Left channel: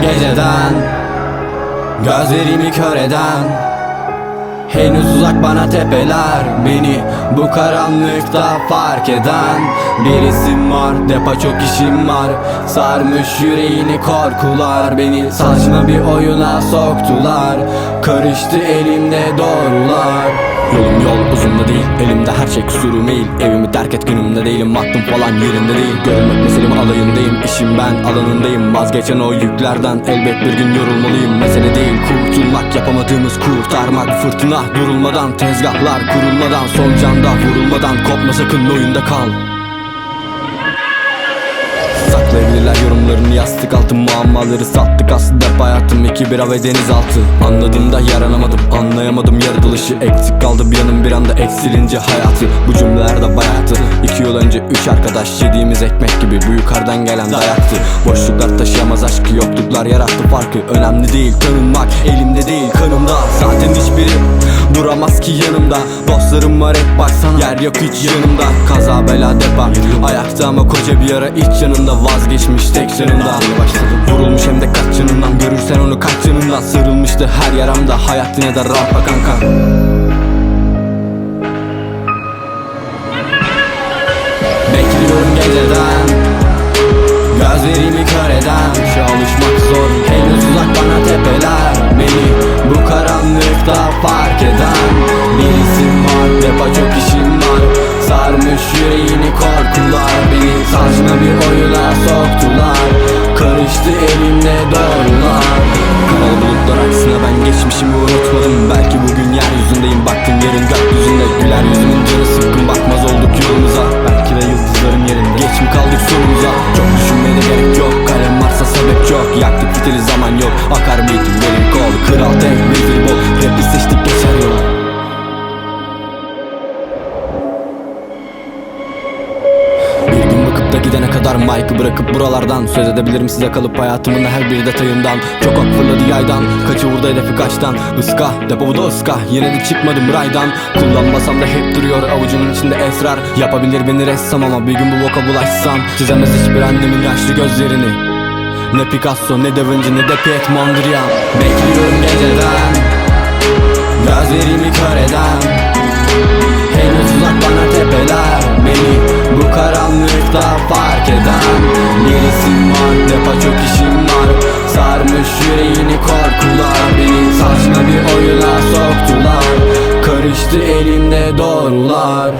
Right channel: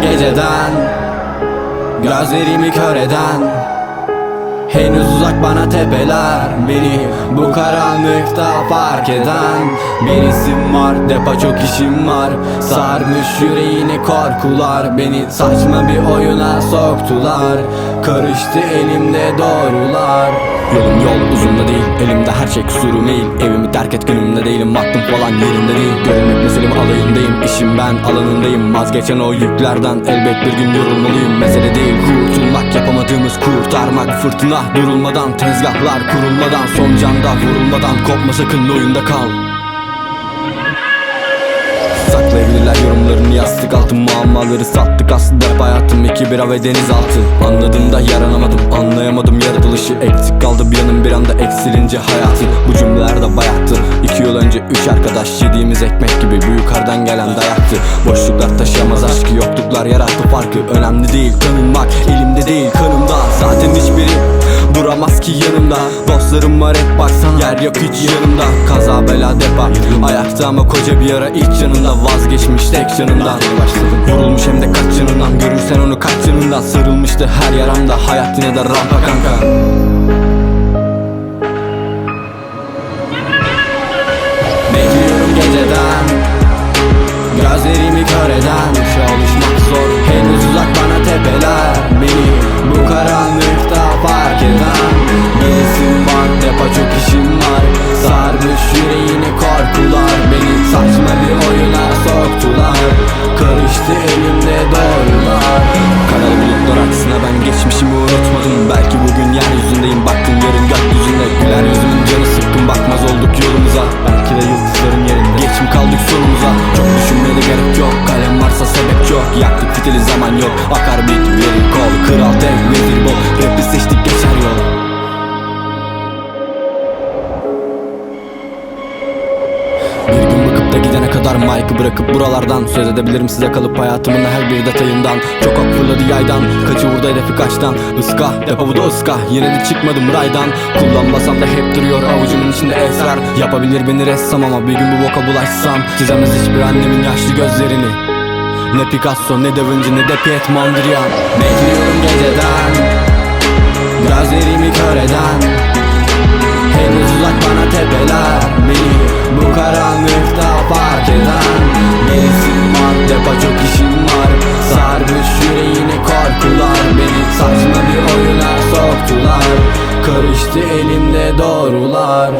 geceden Gözlerimi kör eden. Henüz uzak bana tepeler Beni bu karanlıkta fark eden Bir isim var depa çok işim var. Sarmış yüreğini korkular Beni saçma bir oyuna soktular. Karıştı elimde doğrular. Yolum yol uzun da değil Elimde her şey kusurum eğil Evimi terk et günümde değilim Aklım falan yerinde değil. Görünmek meselemi alayındayım İşim ben alanındayım. Vazgeçen o yüklerden Elbet bir gün yorulmalıyım. Mesele değil kurtulmak Yapamadığımız kurtarmak Fırtına durulmadan Tezgahlar kurulmadan Son canda vurulmadan Kopma sakın oyunda kal Saklayabilirler yorumlarını. Yastık altı Muammaları sattık. Aslında hep hayatım iki bira ve denizaltı. Anladığımda yaranamadım anlayamadım yaratılışı. Eksik kaldı bir yanım bir anda eksilince hayatı. Bu cümleler de bayattı İki yıl önce üç arkadaş yediğimiz ekmek gibi Bu yukarıdan gelen dayaktı. Boşluklar taşıyamaz aşkı yokluklar yarattı farkı. Önemli değil tanınmak elimde değil kanımda. Zaten hiçbiri duramaz ki yanımda. Dostlarım var hep baksana yer yok hiç yanımda. Kaza bela depa Ayakta ama koca bir yara iç yanında. Vazgeçmiş tek yanımdan Yeni başladım. Vurulmuş hem de kaç yanından Görürsen onu kaç yanından Sarılmıştı her yaramda. Hayat yine de rampa kanka. Bekliyorum geceden. Gözlerimi kör eden. Işığa alışmak zor uzak bana tepeler Beni. Bu karanlıkta fark eden Bir isim var. Depa çok işim var. Sarmış yüreğini korkular Beni. Saçma bir oyuna soktular. Karıştı elimde doğrular Karalı bulutlar aksine ben geçmişimi unutmadım. Belki bugün yeryüzündeyim baktın yarın gökyüzünde. Güler yüzümün canı sıkkın bakmaz olduk yolumuza. Belki de yıldızların yerinde. Geç mi kaldık sonumuza Çok düşünmeye de gerek yok. Kalem varsa sebep yok. Yaktık fitili zaman yok. Akar beat verir kol. Kral tek vezir bol. Rap'i seçtik geçer yol Da gidene kadar mic'ı bırakıp buralardan Söz edebilirim size kalıp hayatımın her bir detayından. Çok ok fırladı yaydan Kaçı vurdu hedefi kaçtan. Iska depo bu da ıska Yine de çıkmadım raydan. Kullanmasam da hep duruyor avucumun içinde esrar. Yapabilir beni ressam ama bir gün bu boka bulaşsam. Çizemez hiçbir annemin yaşlı gözlerini. Ne Picasso ne Da Vinci ne de Piet Mondrian Bekliyorum geceden Gözlerimi kör eden. Henüz uzak bana tepeler Beni bu karanlıkta fark eden Bir isim var. Depa çok işim var. Sarmış yüreğini korkular Beni. Saçma bir oyuna soktular. Karıştı elimde doğrular